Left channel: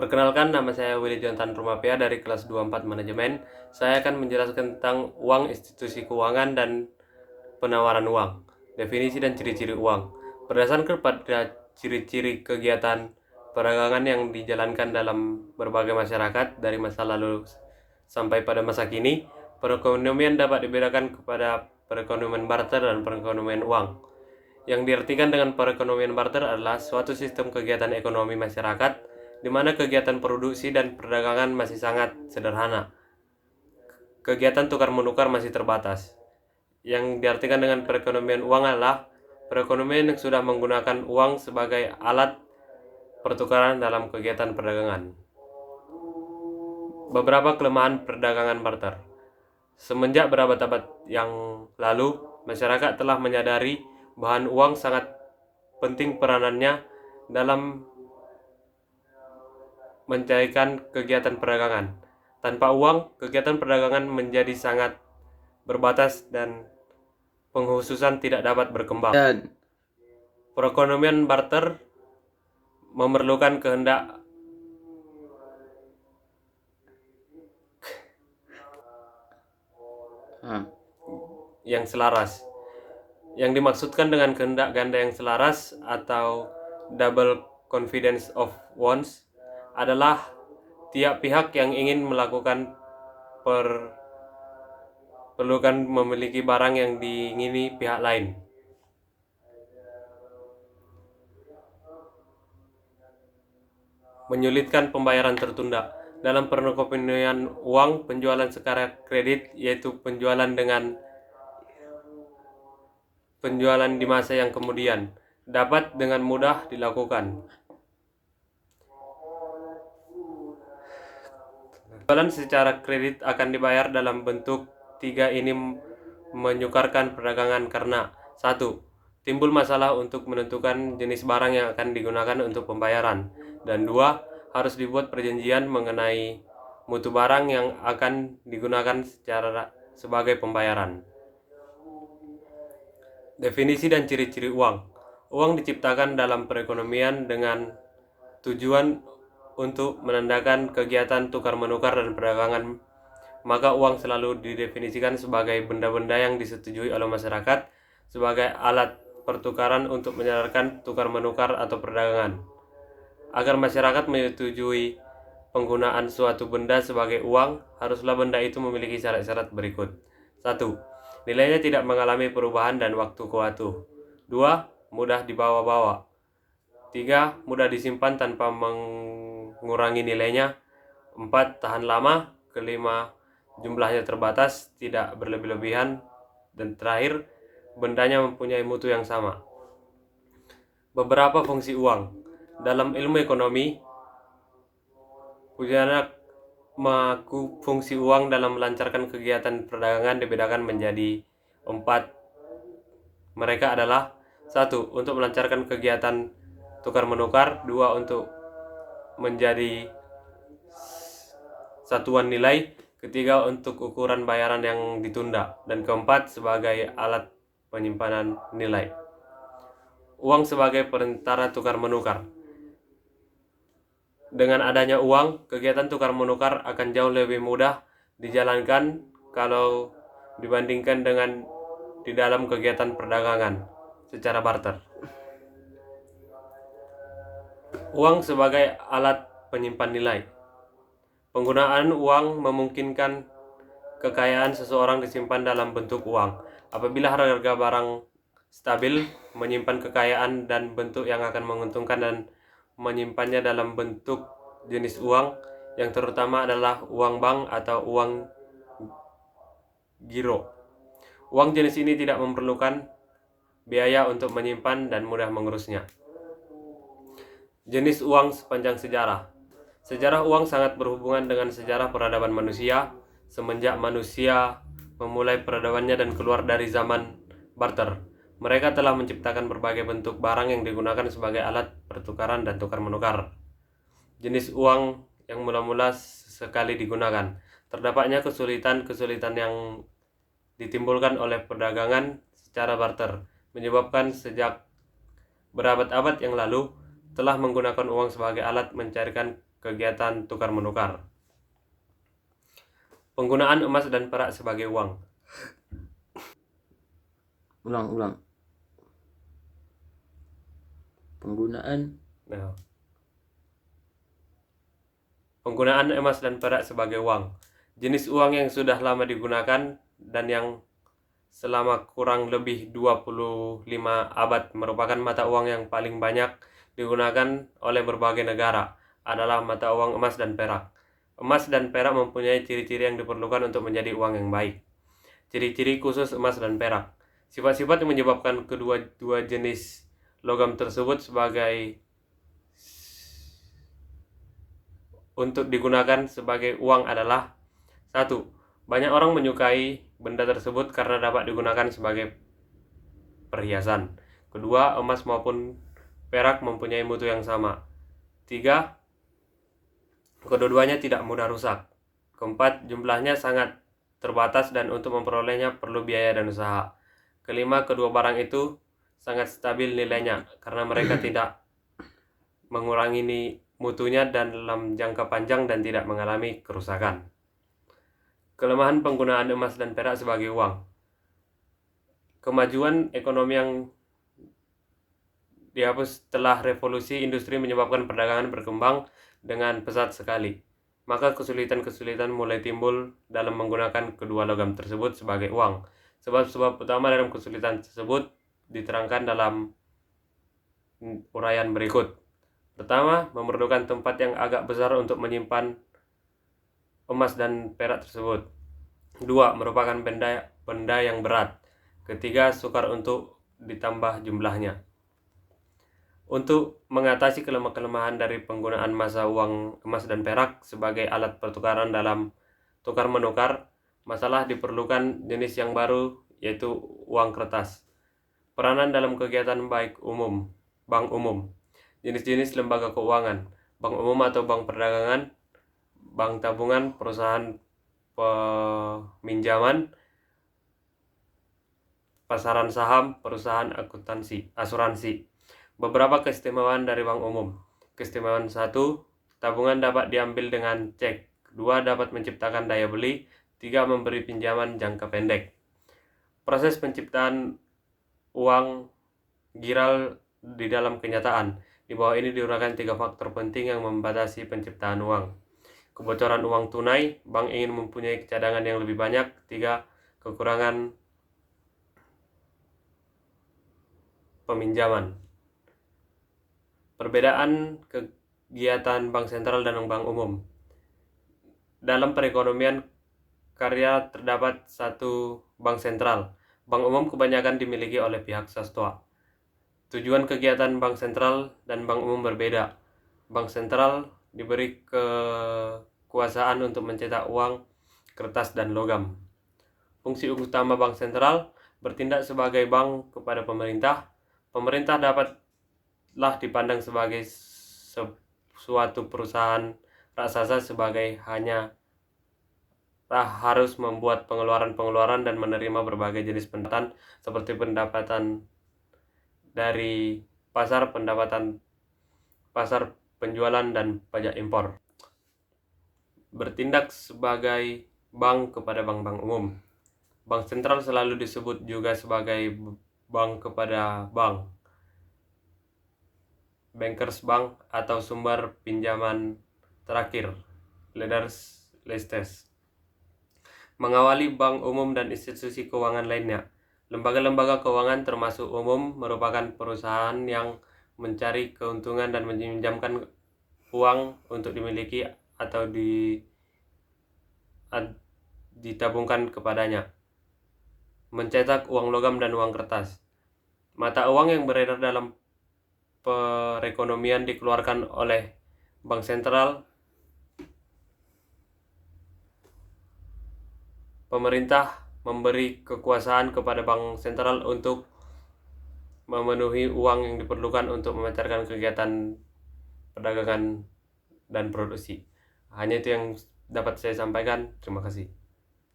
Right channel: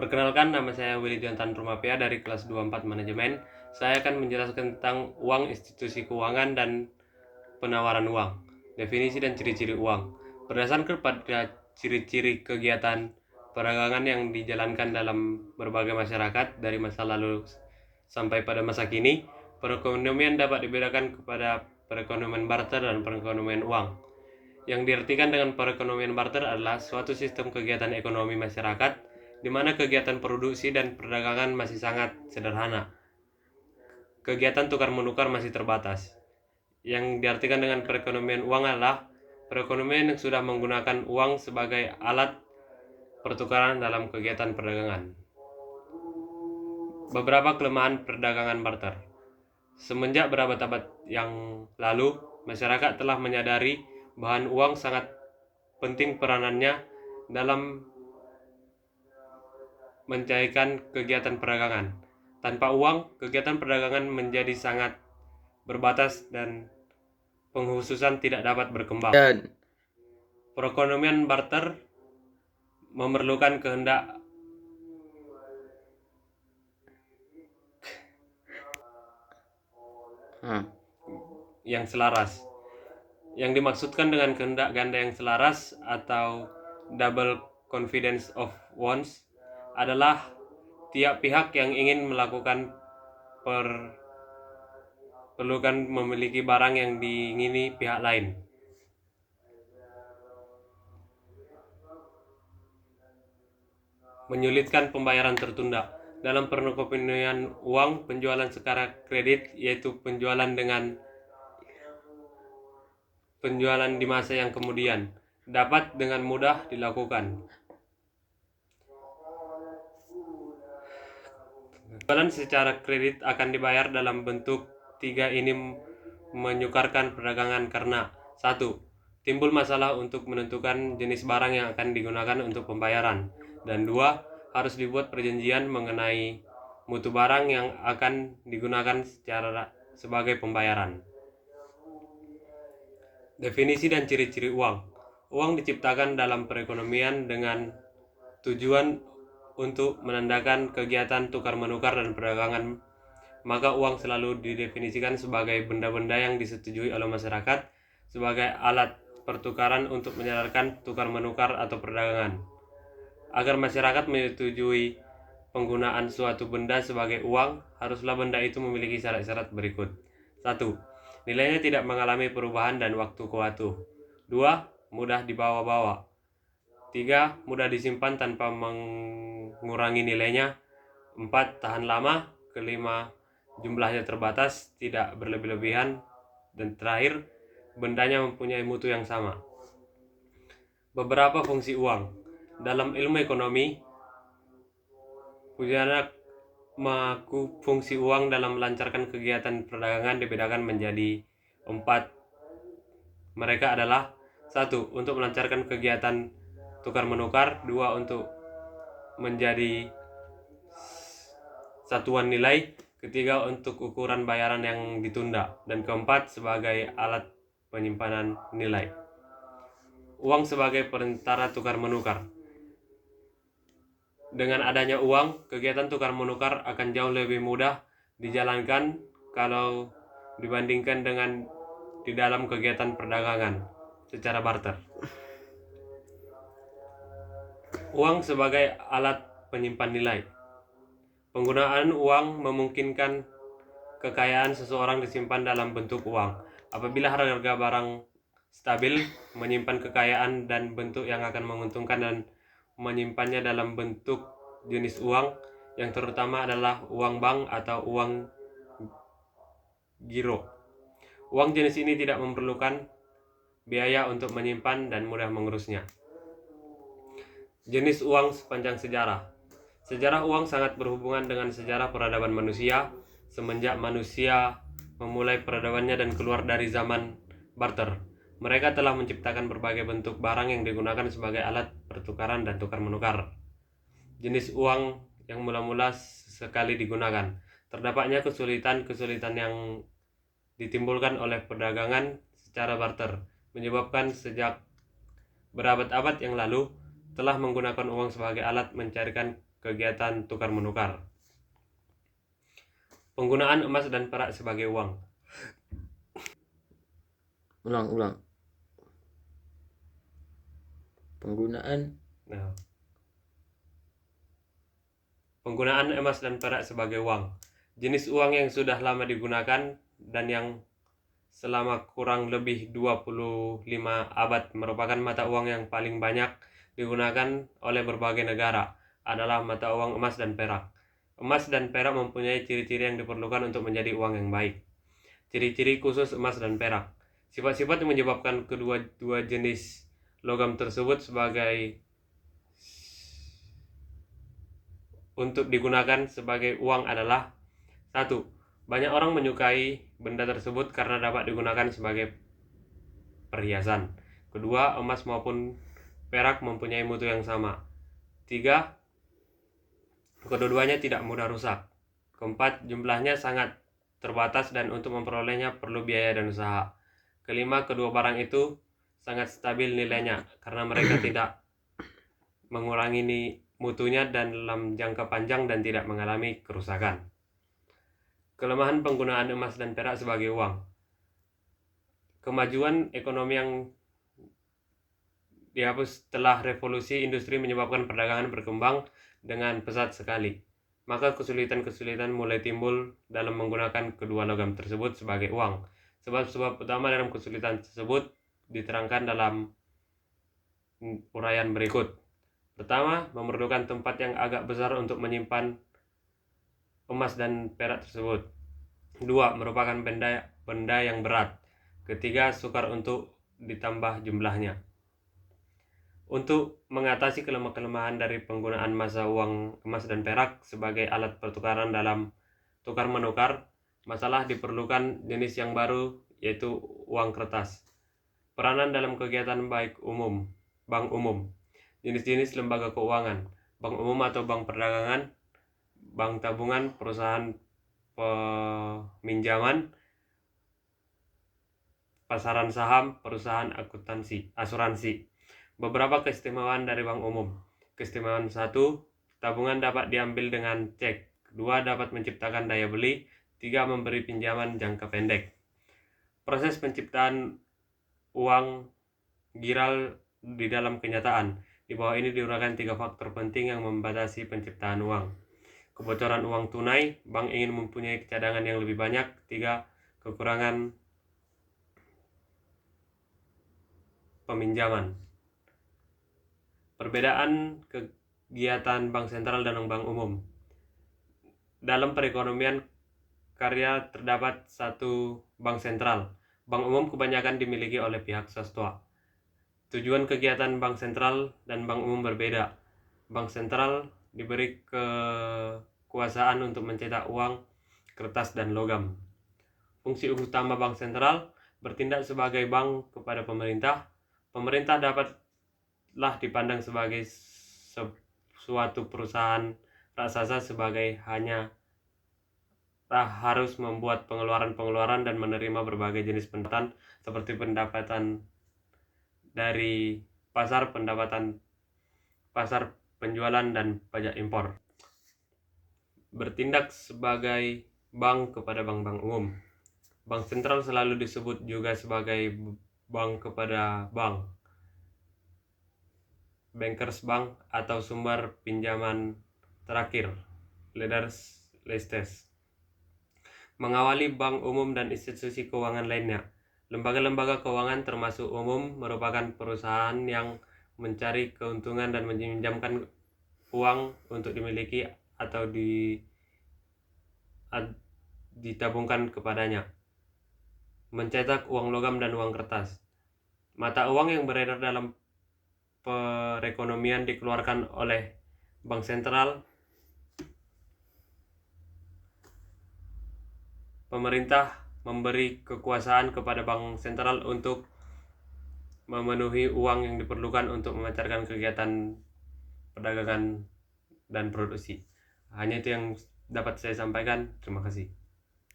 Perkenalkan, nama saya Willy Jonathan Rumapia dari kelas 24 Manajemen. Saya akan menjelaskan tentang uang, institusi keuangan, dan penawaran uang, definisi dan ciri-ciri uang. Berdasarkan pada ciri-ciri kegiatan perdagangan yang dijalankan dalam berbagai masyarakat dari masa lalu sampai pada masa kini, perekonomian dapat dibedakan kepada perekonomian barter dan perekonomian uang. Yang diartikan dengan perekonomian barter adalah suatu sistem kegiatan ekonomi masyarakat di mana kegiatan produksi dan perdagangan masih sangat sederhana. Kegiatan tukar-menukar masih terbatas. Yang diartikan dengan perekonomian uang adalah perekonomian yang sudah menggunakan uang sebagai alat pertukaran dalam kegiatan perdagangan. Beberapa kelemahan perdagangan barter. Semenjak berabad-abad yang lalu, masyarakat telah menyadari bahwa uang sangat penting peranannya dalam mencairkan kegiatan perdagangan. Tanpa uang, kegiatan perdagangan menjadi sangat berbatas dan penghususan tidak dapat berkembang. Perekonomian barter memerlukan kehendak yang selaras. Yang dimaksudkan dengan kehendak ganda yang selaras atau double confidence of wants adalah tiap pihak yang ingin melakukan perlukan memiliki barang yang diingini pihak lain. Menyulitkan pembayaran tertunda. Dalam perekonomian uang, penjualan secara kredit yaitu penjualan di masa yang kemudian dapat dengan mudah dilakukan. Penjualan secara kredit akan dibayar dalam bentuk tiga ini menyukarkan perdagangan karena 1. Timbul masalah untuk menentukan jenis barang yang akan digunakan untuk pembayaran, dan 2. Harus dibuat perjanjian mengenai mutu barang yang akan digunakan sebagai pembayaran. Definisi dan ciri-ciri uang. Uang diciptakan dalam perekonomian dengan tujuan untuk menandakan kegiatan tukar-menukar dan perdagangan. Maka uang selalu didefinisikan sebagai benda-benda yang disetujui oleh masyarakat sebagai alat pertukaran untuk menyadarkan tukar-menukar atau perdagangan. Agar masyarakat menyetujui penggunaan suatu benda sebagai uang, haruslah benda itu memiliki syarat-syarat berikut. 1. Nilainya tidak mengalami perubahan dan waktu ke waktu. 2. Mudah dibawa-bawa. 3. Mudah disimpan tanpa mengurangi nilainya. 4. Tahan lama. 5. Jumlahnya terbatas, tidak berlebih-lebihan. Dan terakhir, bendanya mempunyai mutu yang sama. Beberapa fungsi uang. Dalam ilmu ekonomi, fungsi uang dalam melancarkan kegiatan perdagangan dibedakan menjadi 4. Mereka adalah 1. Untuk melancarkan kegiatan tukar-menukar. 2. Untuk menjadi satuan nilai. 3. Untuk ukuran bayaran yang ditunda. Dan 4. Sebagai alat penyimpanan nilai. Uang sebagai perantara tukar-menukar. Dengan adanya uang, kegiatan tukar-menukar akan jauh lebih mudah dijalankan kalau dibandingkan dengan di dalam kegiatan perdagangan secara barter. Uang sebagai alat penyimpan nilai. Penggunaan uang memungkinkan kekayaan seseorang disimpan dalam bentuk uang. Apabila harga barang stabil, menyimpan kekayaan dan bentuk yang akan menguntungkan dan menyimpannya dalam bentuk jenis uang yang terutama adalah uang bank atau uang giro. Uang jenis ini tidak memerlukan biaya untuk menyimpan dan mudah mengurusnya. Jenis uang sepanjang sejarah. Sejarah uang sangat berhubungan dengan sejarah peradaban manusia. Semenjak manusia memulai peradabannya dan keluar dari zaman barter, mereka telah menciptakan berbagai bentuk barang yang digunakan sebagai alat pertukaran dan tukar-menukar. Jenis uang yang mula-mula sekali digunakan. Terdapatnya kesulitan yang ditimbulkan oleh perdagangan secara barter, menyebabkan sejak berabad-abad yang lalu telah menggunakan uang sebagai alat mencairkan kegiatan tukar menukar. Penggunaan emas dan perak sebagai uang. Ulang. Penggunaan emas dan perak sebagai uang. Jenis uang yang sudah lama digunakan dan yang selama kurang lebih 25 abad merupakan mata uang yang paling banyak digunakan oleh berbagai negara adalah mata uang emas dan perak. Emas dan perak mempunyai ciri-ciri yang diperlukan untuk menjadi uang yang baik. Ciri-ciri khusus emas dan perak. Sifat-sifat yang menyebabkan kedua jenis logam tersebut sebagai untuk digunakan sebagai uang adalah: 1. Banyak orang menyukai benda tersebut karena dapat digunakan sebagai perhiasan. Kedua, emas maupun perak mempunyai mutu yang sama. 3. Kedua-duanya tidak mudah rusak. Keempat, jumlahnya sangat terbatas dan untuk memperolehnya perlu biaya dan usaha. Kelima, kedua barang itu sangat stabil nilainya karena mereka tidak mengurangi mutunya dan dalam jangka panjang dan tidak mengalami kerusakan. Kelemahan penggunaan emas dan perak sebagai uang. Kemajuan ekonomi yang dihapus setelah revolusi industri menyebabkan perdagangan berkembang dengan pesat sekali. Maka kesulitan-kesulitan mulai timbul dalam menggunakan kedua logam tersebut sebagai uang. Sebab-sebab utama dalam kesulitan tersebut diterangkan dalam uraian berikut. Pertama, memerlukan tempat yang agak besar untuk menyimpan emas dan perak tersebut. 2. Merupakan benda yang berat. Ketiga, sukar untuk ditambah jumlahnya. Untuk mengatasi kelemahan dari penggunaan masa uang emas dan perak sebagai alat pertukaran dalam tukar menukar, masalah diperlukan jenis yang baru, yaitu uang kertas. Peranan dalam kegiatan bank umum, jenis-jenis lembaga keuangan, bank umum atau bank perdagangan, bank tabungan, perusahaan peminjaman, pasaran saham, perusahaan asuransi. Beberapa keistimewaan dari bank umum. Keistimewaan 1, tabungan dapat diambil dengan cek. 2, dapat menciptakan daya beli. 3, memberi pinjaman jangka pendek. Proses penciptaan uang giral di dalam kenyataan. Di bawah ini diuraikan 3 faktor penting yang membatasi penciptaan uang. Kebocoran uang tunai, bank ingin mempunyai cadangan yang lebih banyak. 3, kekurangan peminjaman. Perbedaan kegiatan bank sentral dan bank umum. Dalam perekonomian karya terdapat satu bank sentral. Bank umum kebanyakan dimiliki oleh pihak swasta. Tujuan kegiatan bank sentral dan bank umum berbeda. Bank sentral diberi kekuasaan untuk mencetak uang, kertas, dan logam. Fungsi utama bank sentral bertindak sebagai bank kepada pemerintah. Pemerintah dapatlah dipandang sebagai suatu perusahaan raksasa sebagai hanya harus membuat pengeluaran dan menerima berbagai jenis pendapatan seperti pendapatan dari pendapatan pasar, penjualan, dan pajak impor. Bertindak sebagai bank kepada bank-bank umum. Bank sentral selalu disebut juga sebagai bank kepada bank, bankers bank, atau sumber pinjaman terakhir, lenders. Mengawali bank umum dan institusi keuangan lainnya. Lembaga-lembaga keuangan termasuk umum merupakan perusahaan yang mencari keuntungan dan meminjamkan uang untuk dimiliki atau ditabungkan kepadanya. Mencetak uang logam dan uang kertas. Mata uang yang beredar dalam perekonomian dikeluarkan oleh bank sentral. Pemerintah memberi kekuasaan kepada bank sentral untuk memenuhi uang yang diperlukan untuk memancarkan kegiatan perdagangan dan produksi. Hanya itu yang dapat saya sampaikan. Terima kasih.